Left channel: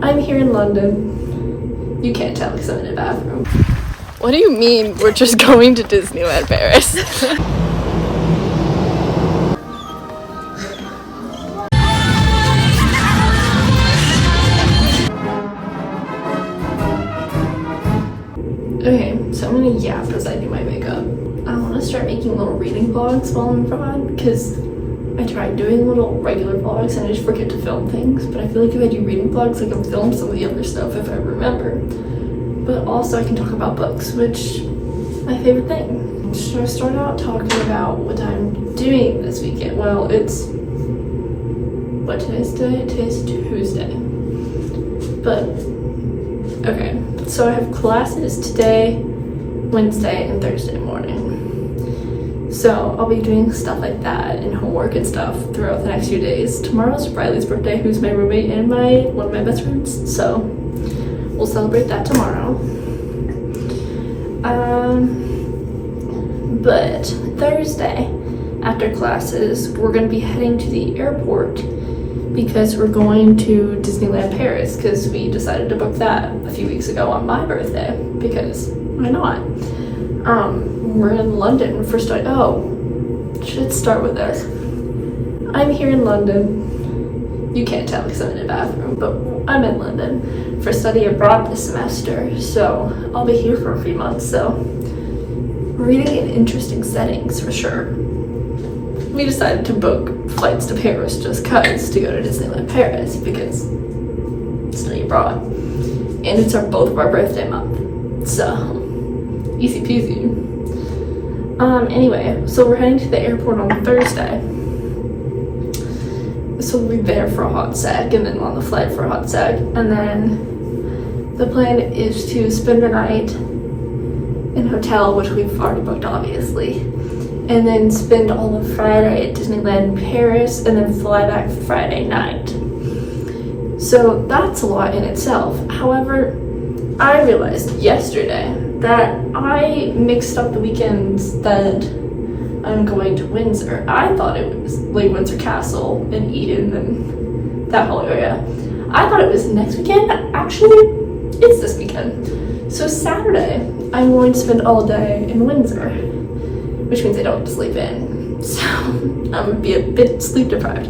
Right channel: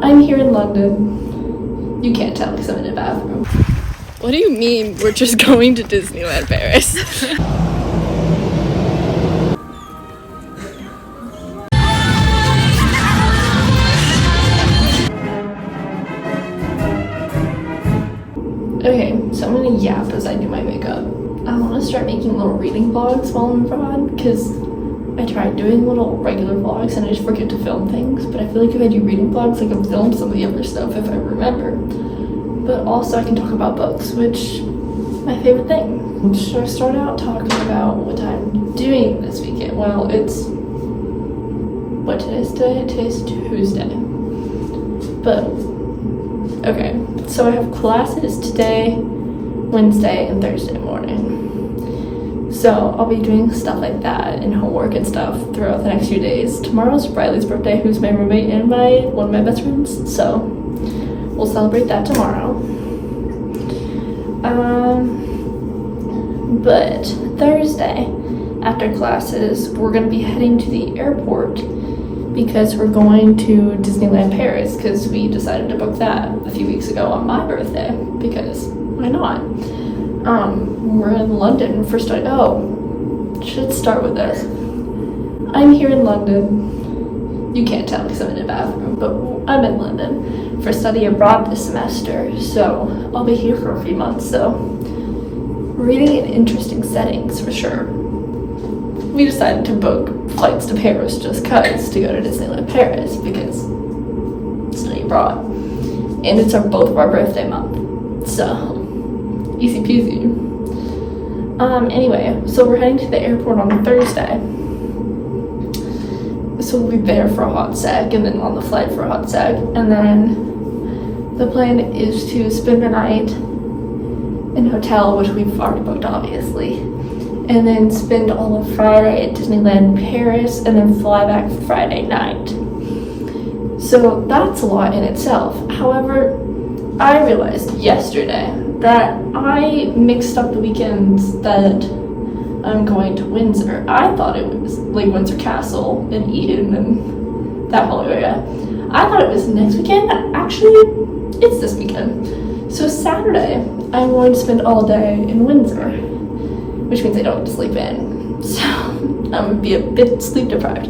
I'm here in London. You can't tell because I'm in a bathroom. What do you mean we're just going to Disneyland Paris? Okay, so I'm gonna yap as I do my makeup. I want to start making little reading vlogs while I'm abroad because I tried doing little regular vlogs and I just forget to film things, but I feel like if I do reading vlogs, I can film some of the other stuff if I remember. But also I can talk about books, which my favorite thing. So I started out talking about what I'm doing this weekend. Well, it's what today's today? Today's Tuesday. But okay, so I have classes today, Wednesday, and Thursday morning. So I'll be doing stuff like that and homework and stuff throughout the next few days. Tomorrow's Riley's birthday, who's my roommate and one of my best friends. So we'll celebrate that tomorrow. But Thursday, after classes, we're gonna be heading to the airport because we're going to Disneyland Paris because we decided to book that a few weeks ago on my birthday because why not? We're in London for should start with this. I'm here in London. You can't tell because I'm in a bathroom, but I'm in London for study abroad this semester, so I'll be here for a few months, so reading in interesting settings for sure. We decided to book flights to Paris just cause to go to Disneyland Paris because study abroad. And it's both of our birthday month, so easy peasy. Anyway, so we're heading to the airport on Thursday. So we'll be there for a hot sec and then on the flight for a hot sec. And then the plan is to spend the night in a hotel, which we've already booked obviously. And then spend all of Friday at Disneyland Paris and then fly back Friday night. So that's a lot in itself. However, I realized yesterday that I mixed up the weekends that I'm going to Windsor. I thought it was like Windsor Castle and Eden and that whole area. I thought it was next weekend. Actually, it's this weekend. So Saturday, I'm going to spend all day in Windsor, which means I don't get to sleep in. So I'm gonna be a bit sleep deprived.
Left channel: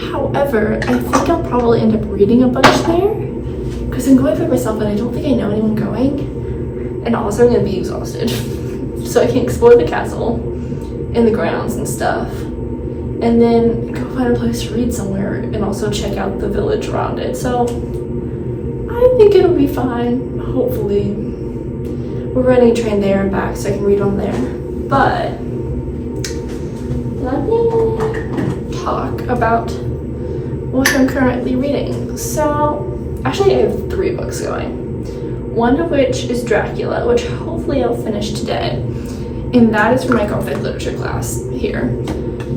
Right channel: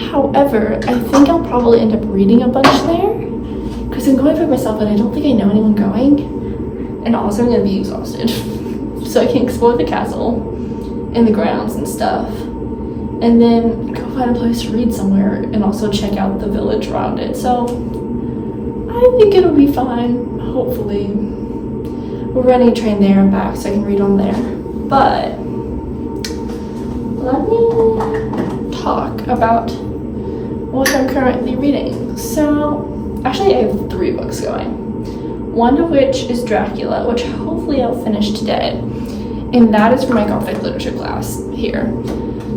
However, I think I'll probably end up reading a bunch there because I'm going by myself and I don't think I know anyone going. And also I'm gonna be exhausted. So I can explore the castle and the grounds and stuff. And then go find a place to read somewhere and also check out the village around it. So I think it'll be fine, hopefully. We're running a train there and back so I can read on there. But let me talk about what I'm currently reading. So actually I have 3 books going. One of which is Dracula, which hopefully I'll finish today. And that is for my conflict literature class here.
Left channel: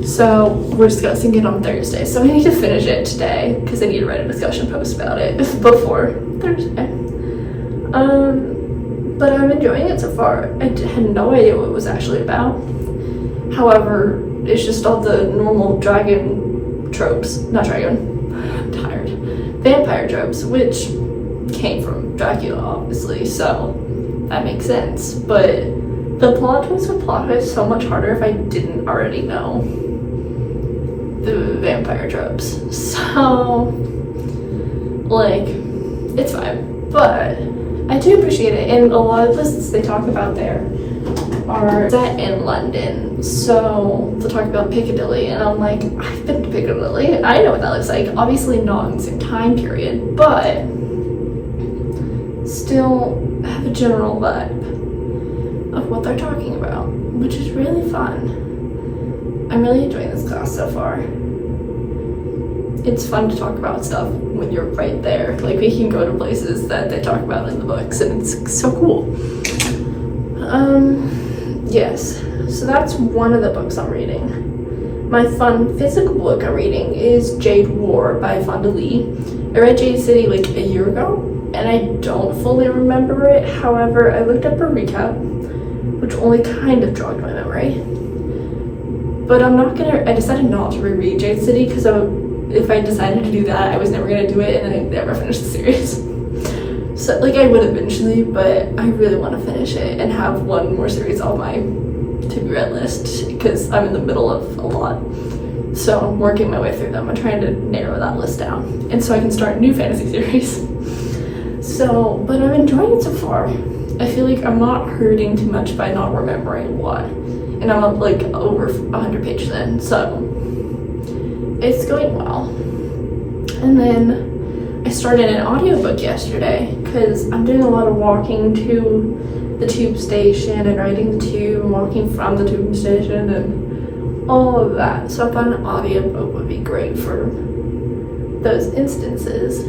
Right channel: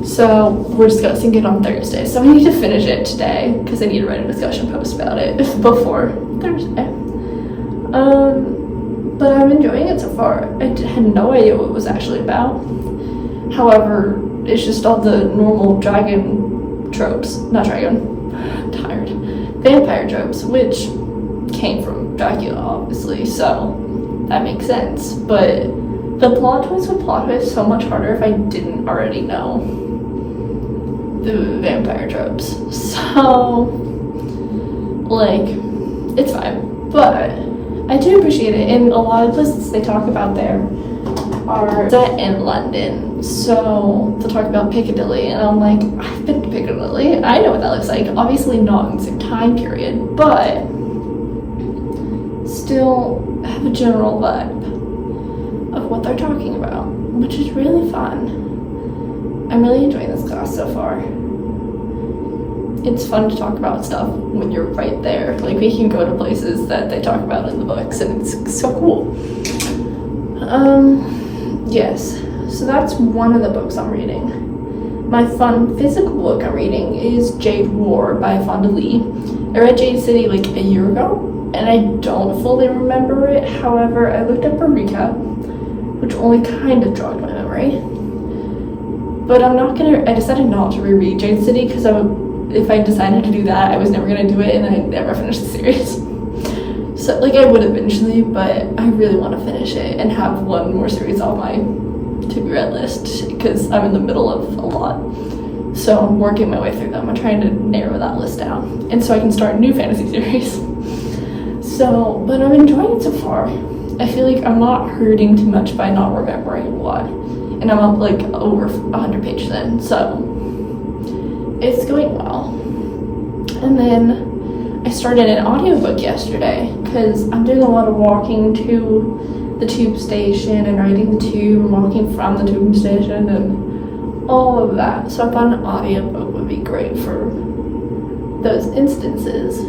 So we're discussing it on Thursday. So I need to finish it today because I need to write a discussion post about it before Thursday. But I'm enjoying it so far. I had no idea what it was actually about. However, it's just all the normal dragon tropes. Not dragon. I'm tired. Vampire tropes, which came from Dracula, obviously, so that makes sense. But the plot twist would plot twist so much harder if I didn't already know the vampire tropes. So, like, it's fine. But I do appreciate it, and a lot of places they talk about there are set in London. So they'll talk about Piccadilly, and I'm like, I've been to Piccadilly. I know what that looks like. Obviously not in the same time period, but still have a general vibe of what they're talking about, which is really fun. I'm really enjoying this class so far. It's fun to talk about stuff when you're right there. Like, we can go to places that they talk about in the books, and it's so cool. Yes, so that's one of the books I'm reading. My fun physical book I'm reading is Jade War by Fonda Lee. I read Jade City like a year ago, and I don't fully remember it. However, I looked up a recap, which only kind of jogged my memory. But I decided not to reread Jade City because if I decided to do that, I was never gonna do it, and I never finished the series. So, like, I would eventually, but I really want to finish it and have one more series on my to-be-read list, because I'm in the middle of a lot. So I'm working my way through them. I'm trying to narrow that list down, and so I can start a new fantasy series. So, but I'm enjoying it so far. I feel like I'm not hurting too much by not remembering what. And I'm up like over 100 pages in, so it's going well. And then I started an audiobook yesterday because I'm doing a lot of walking to the tube station and riding the tube and walking from the tube station and all of that. So I thought an audiobook would be great for those instances.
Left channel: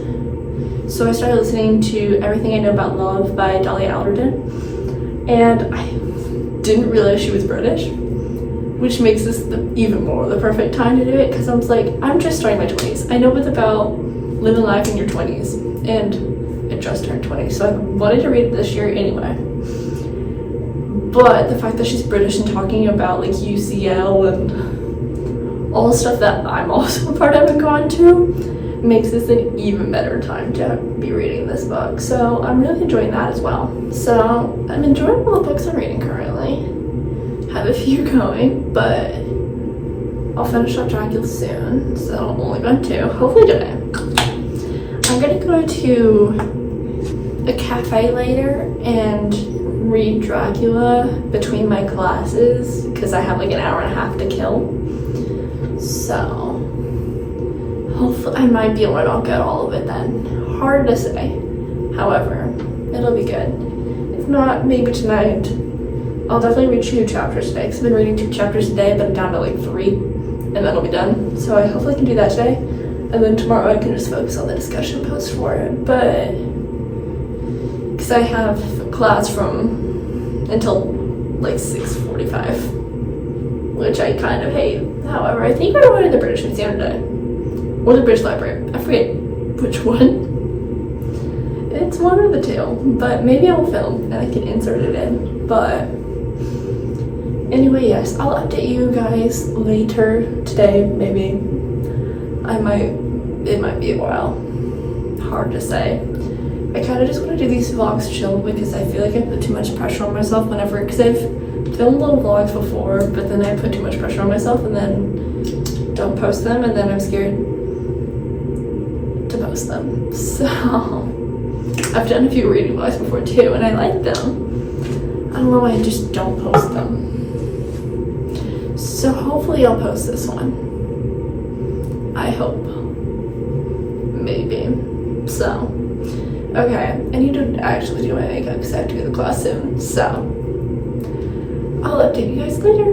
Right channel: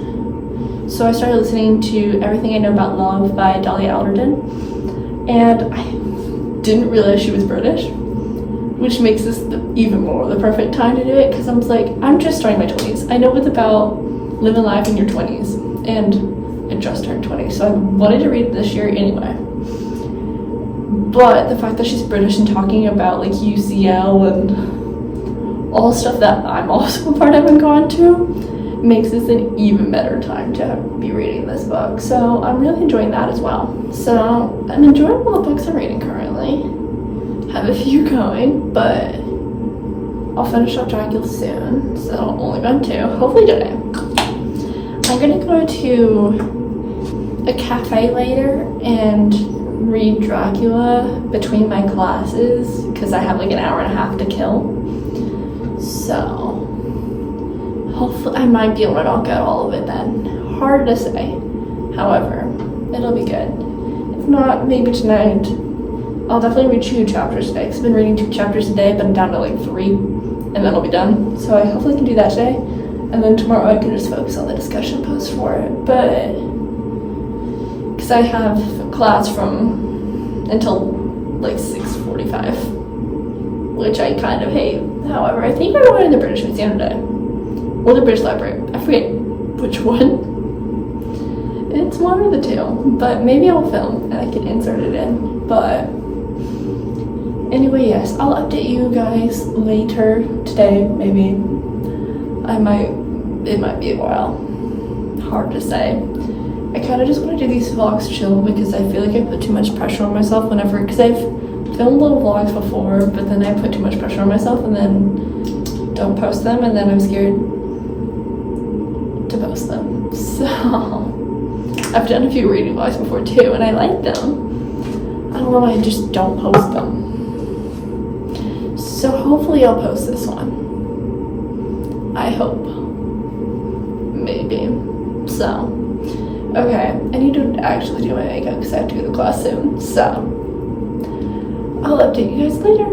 So I started listening to Everything I Know About Love by Dolly Alderton, and I didn't realize she was British, which makes this even more the perfect time to do it, because I was like, I'm just starting my 20s. I know it's about living life in your 20s, and I just turned 20, so I wanted to read it this year anyway. But the fact that she's British and talking about like UCL and all the stuff that I'm also a part of and gone to makes this an even better time to be reading this book. So I'm really enjoying that as well. So I'm enjoying all the books I'm reading currently. Have a few going, but I'll finish up Dracula soon. So I'll only go to 2, hopefully today. I'm gonna go to a cafe later and read Dracula between my classes because I have like an hour and a half to kill. So hopefully I might be able to knock out all of it then. Hard to say. However, it'll be good. If not, maybe tonight. I'll definitely read 2 chapters today, because I've been reading 2 chapters a day, but I'm down to like 3, and then I'll be done. So I hopefully can do that today, and then tomorrow I can just focus on the discussion post for it. But because I have class from until like 6:45, which I kind of hate. However, I think we're going to the British Museum today, or the British Library. I forget which one. It's one or the 2, but maybe I will film and I can insert it in. But anyway, yes, I'll update you guys later today. Maybe it might be a while. Hard to say. I kind of just want to do these vlogs chill because I feel like I put too much pressure on myself whenever, because I've filmed little vlogs before, but then I put too much pressure on myself and then don't post them, and then I'm scared to post them. So I've done a few reading vlogs before too, and I like them. I don't know why I just don't post them. So hopefully I'll post this one. I hope. Maybe. So, okay, I need to actually do my makeup because I have to go to class soon. So, I'll update you guys later.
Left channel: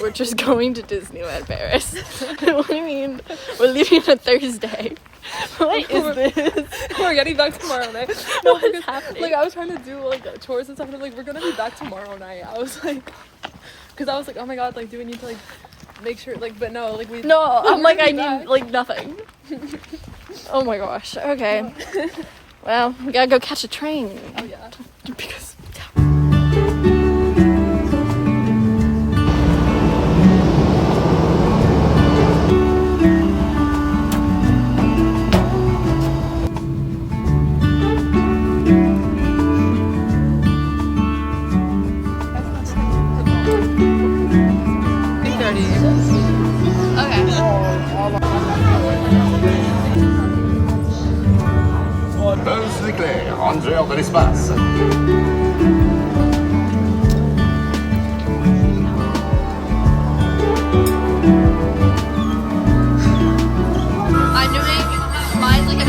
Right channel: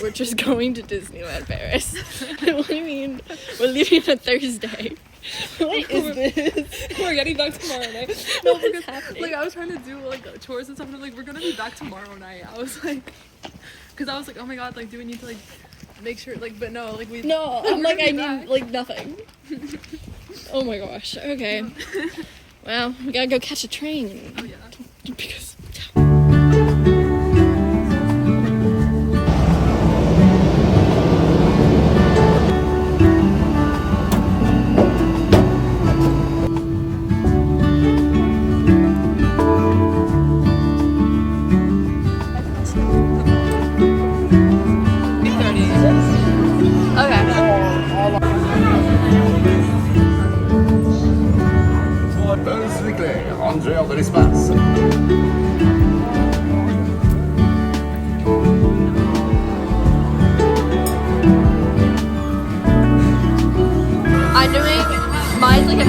We're just going to Disneyland Paris. What do you mean? We're leaving on Thursday. What is this? We're getting back tomorrow night. What is happening? Like, I was trying to do like chores and stuff, and I'm like, we're gonna be back tomorrow night. I was like, because I was like, oh my god, like, do we need to like make sure, like, but no, like we. No, I'm like, I need like nothing. Oh my gosh. Okay. Well, we gotta go catch a train. Yeah. Because. en dehors de l'espace. I'm doing mine like a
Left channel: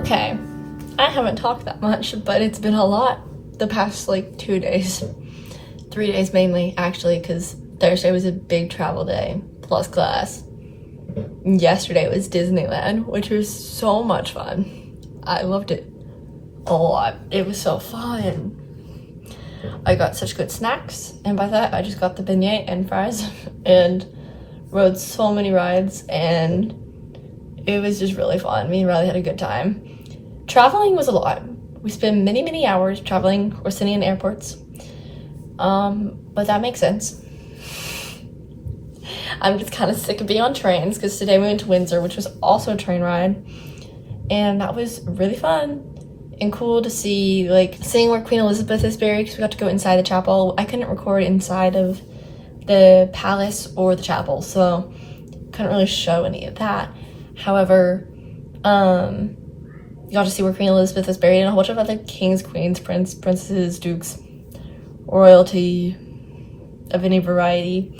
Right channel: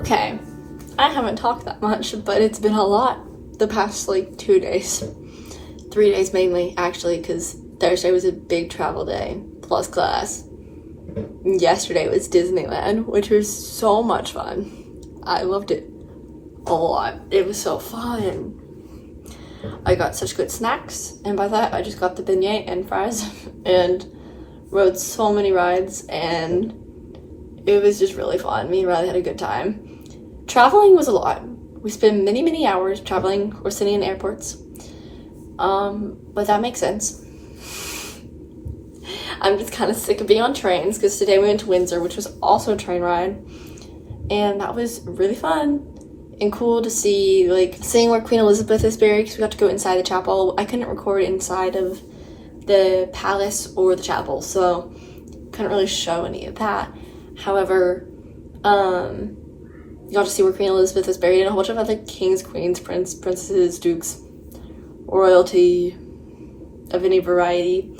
Okay, I haven't talked that much, but it's been a lot the past like 2 days. 3 days mainly, actually, because Thursday was a big travel day, plus class. Yesterday was Disneyland, which was so much fun. I loved it a lot. It was so fun. I got such good snacks, and by that I just got the beignet and fries and rode so many rides, and it was just really fun. Me and Riley had a good time. Traveling was a lot. We spent many hours traveling or sitting in airports. But that makes sense. I'm just kind of sick of being on trains because today we went to Windsor, which was also a train ride. And that was really fun and cool to see, like, seeing where Queen Elizabeth is buried because we got to go inside the chapel. I couldn't record inside of the palace or the chapel, so couldn't really show any of that. However, you got to see where Queen Elizabeth is buried and a whole bunch of other kings, queens, princesses, dukes, royalty of any variety.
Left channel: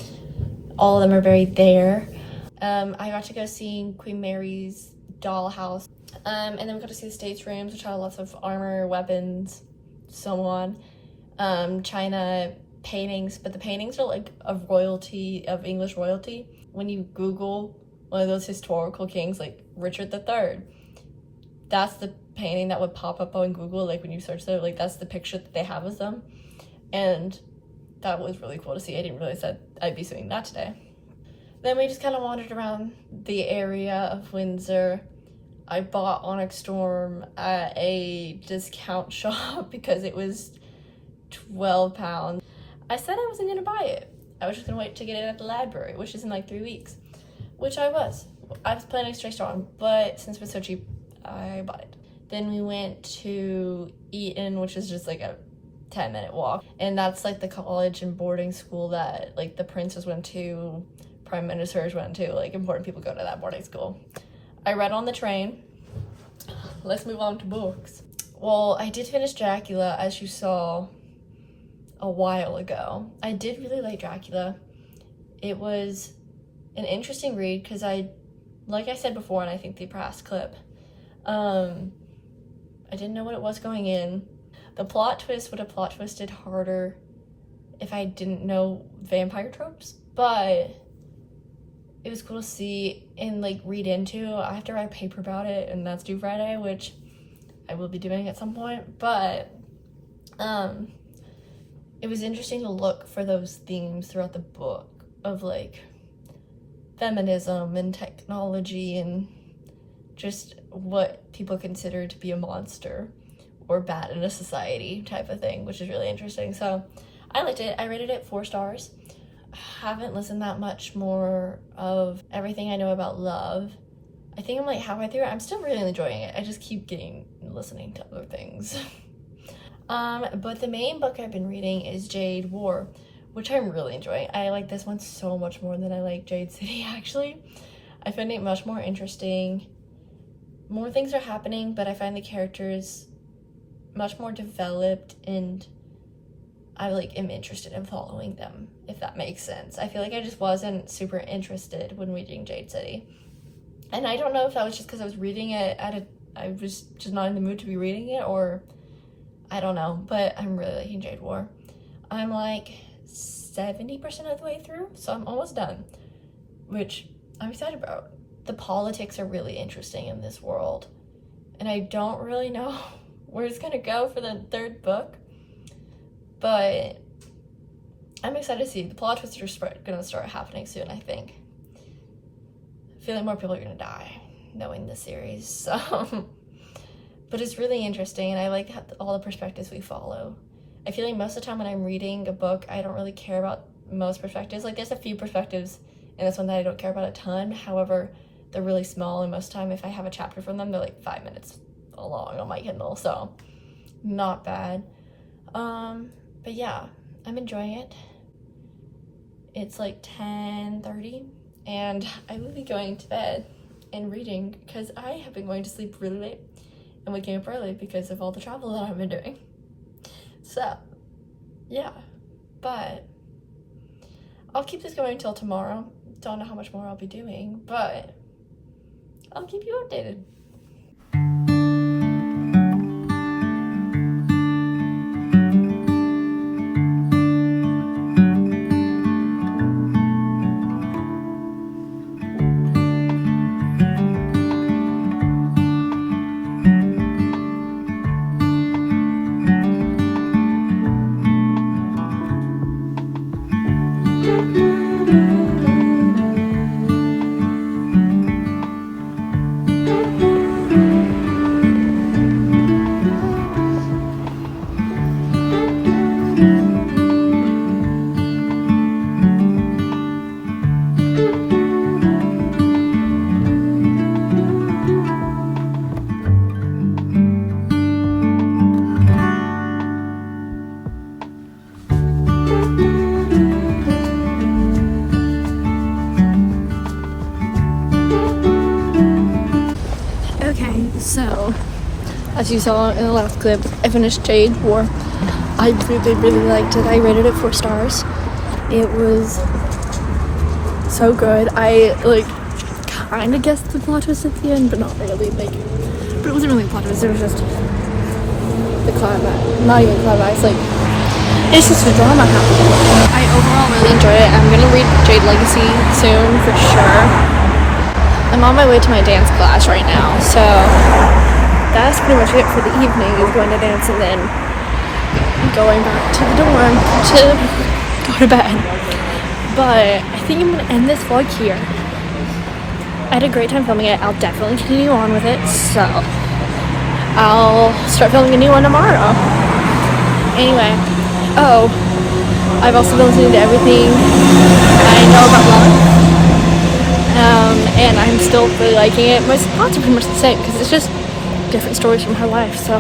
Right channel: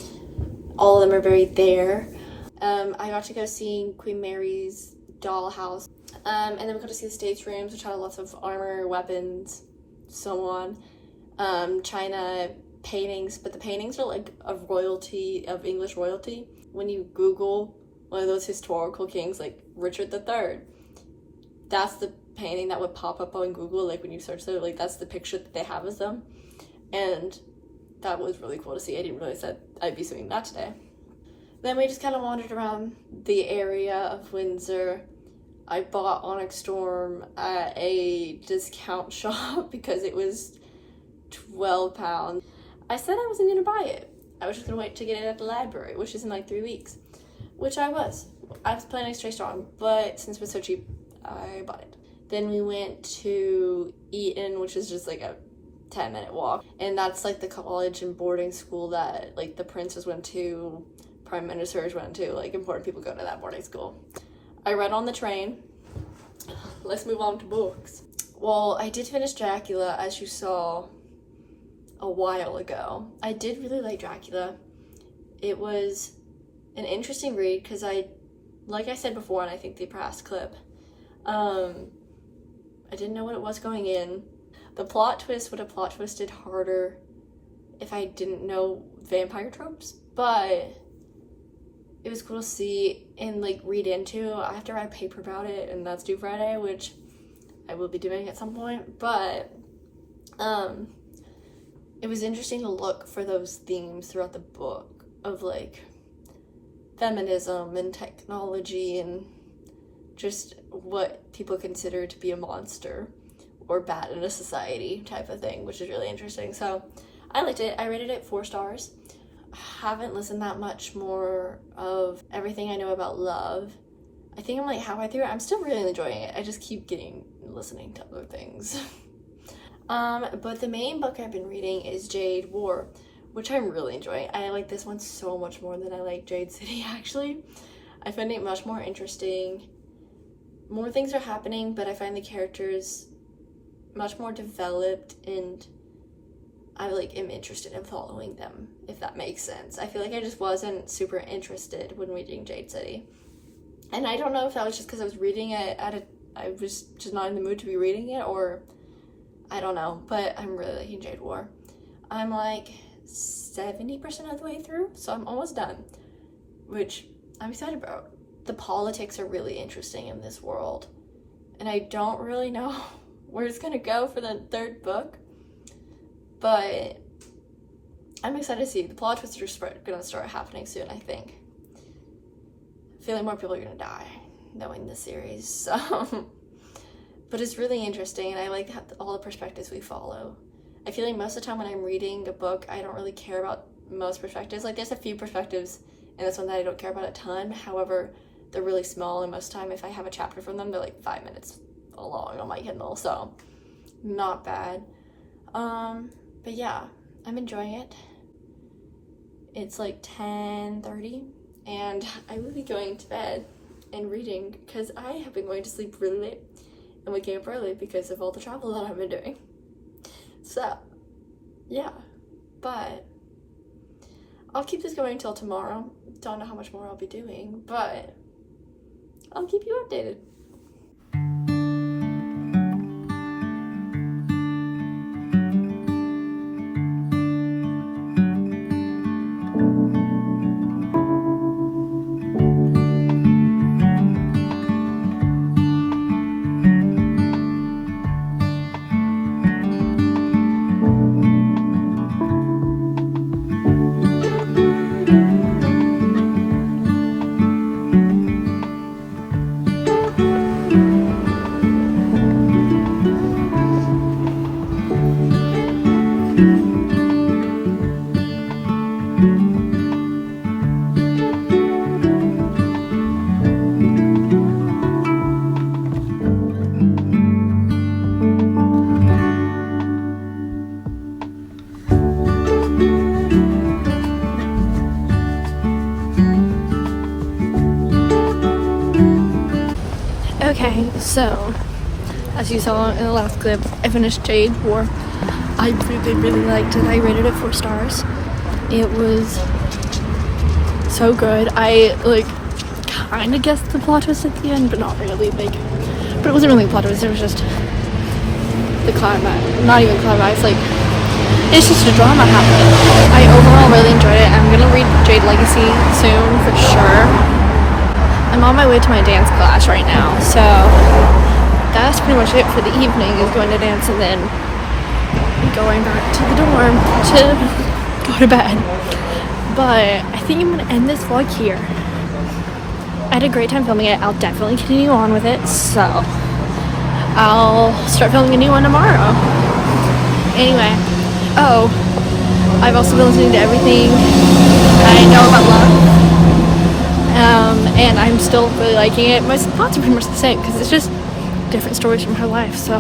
All of them are buried there. I got to go see Queen Mary's dollhouse. And then we got to see the States rooms, which had lots of armor, weapons, so on. China paintings, but the paintings are like of royalty, of English royalty. When you Google one of those historical kings, like Richard III, that's the painting that would pop up on Google, like when you search there, like that's the picture that they have of them. And that was really cool to see. I didn't realize that I'd be seeing that today. Then we just kind of wandered around the area of Windsor. I bought Onyx Storm at a discount shop because it was £12. I said I wasn't gonna buy it. I was just gonna wait to get it at the library, which is in like 3 weeks, which I was planning to stay strong, but since it was so cheap, I bought it. Then we went to Eton, which is just like a 10-minute walk, and that's like the college and boarding school that like the princes went to, prime ministers went to, like important people go to that boarding school. I read on the train. Let's move on to books. Well, I did finish Dracula, as you saw a while ago. I did really like Dracula. It was an interesting read because like I said before, and I think the past clip, I didn't know what it was going in. The plot twist would have plot twisted harder if I didn't know vampire tropes, but it was cool to see and like read into. I have to write a paper about it, and that's due Friday, which I will be doing at some point. But it was interesting to look for those themes throughout the book of like feminism and technology and just what people consider to be a monster or bad in a society type of thing, which is really interesting. So I liked it. I rated it 4 stars. Haven't listened that much more of Everything I Know About Love. I think I'm like halfway through it. I'm still really enjoying it. I just keep listening to other things. But the main book I've been reading is Jade War, which I'm really enjoying. I like this one so much more than I like Jade City, actually. I find it much more interesting. More things are happening, but I find the characters much more developed, and I am interested in following them, if that makes sense. I feel like I just wasn't super interested when reading Jade City. And I don't know if that was just because I was reading it I was just not in the mood to be reading it, or I don't know, but I'm really liking Jade War. I'm like 70% of the way through, so I'm almost done, which I'm excited about. The politics are really interesting in this world, and I don't really know where it's gonna go for the 3rd book, but I'm excited to see. The plot twists are gonna start happening soon, I think. I feel like more people are gonna die knowing the series, so but it's really interesting, and I like all the perspectives we follow. I feel like most of the time when I'm reading a book, I don't really care about most perspectives. Like, there's a few perspectives in this one that I don't care about a ton. However, they're really small, and most of the time if I have a chapter from them, they're like 5 minutes long on my Kindle, so not bad. But yeah, I'm enjoying it. It's like 10:30, and I will be going to bed and reading because I have been going to sleep really late and waking up early because of all the travel that I've been doing. So yeah, but I'll keep this going until tomorrow. Don't know how much more I'll be doing, but I'll keep you updated. Okay, so as you saw in the last clip, I finished Jade War. I really liked it. I rated it 4 stars. It was so good. I kind of guessed the plot twist at the end, but not really. But it wasn't really a plot twist. It was just the climax. Not even climax. It's just a drama happening. I overall really enjoyed it. I'm gonna read Jade Legacy soon for sure. I'm on my way to my dance class right now, so that's pretty much it for the evening. Is going to dance and then going back to the dorm to go to bed. But I think I'm gonna end this vlog here. I had a great time filming it. I'll definitely continue on with it, so I'll start filming a new one tomorrow. Anyway, I've also been listening to Everything I Know About Love. And I'm still really liking it. My thoughts are pretty much the same because it's just different stories from her life, so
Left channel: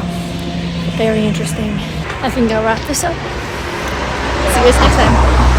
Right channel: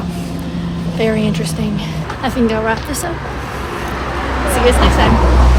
very interesting. I think I'll wrap this up. See you guys next time.